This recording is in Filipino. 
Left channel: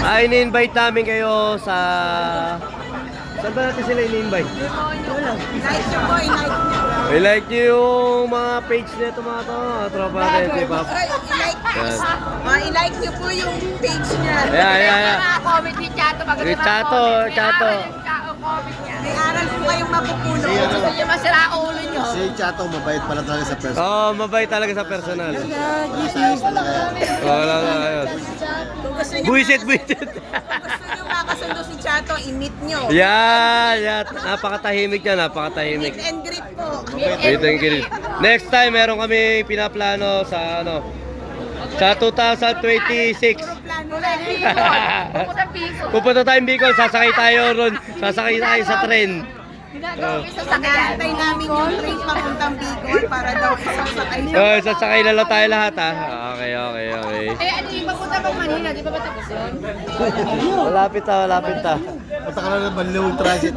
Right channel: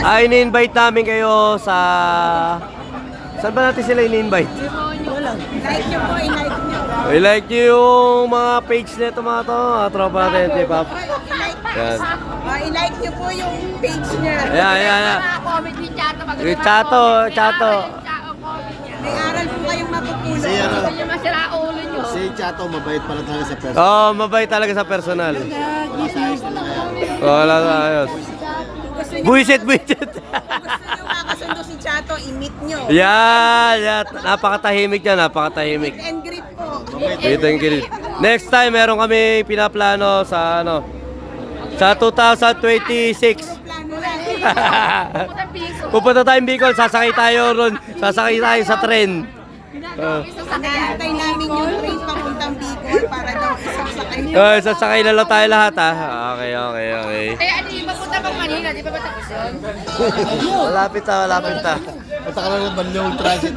ini-invite namin kayo sa... Saan ba natin sila ini-invite? Like nyo po, i-like nyo. I-like nyo yung mga page na ito mga to. Tropa natin, K-pop. Yan. I-like nyo po yung page niya. Ayan. Comment ni Chato. Yung Chato. May aral po kayong mapupulong. Hindi masira ang ulo nyo. Si Chato, mabait pala talaga sa person. Mabait talaga sa personal. Wala sa ayos talaga yan. Wala na ayos. Kung gusto nyo, Buisit. kung gusto nyo makasundo si Chato, i-meet nyo. Yan. Napakatahimik yan, napakatahimik. Meet and greet po. Dito yung kilit. Next time, meron kami pinaplano sa sa 2026. Plano lang. Pupunta tayong Bicol, sasakay tayo ron. Sasakay tayo sa tren. Nag-aantay namin yung train papuntang Bicol para daw isang sakay. Sasakay na lang tayo lahat ha. Okay. Kaya ano yung mapunta ko kanina, di ba ba tapos yun? Malapit na. Punta ka lang ng Banlong Transit.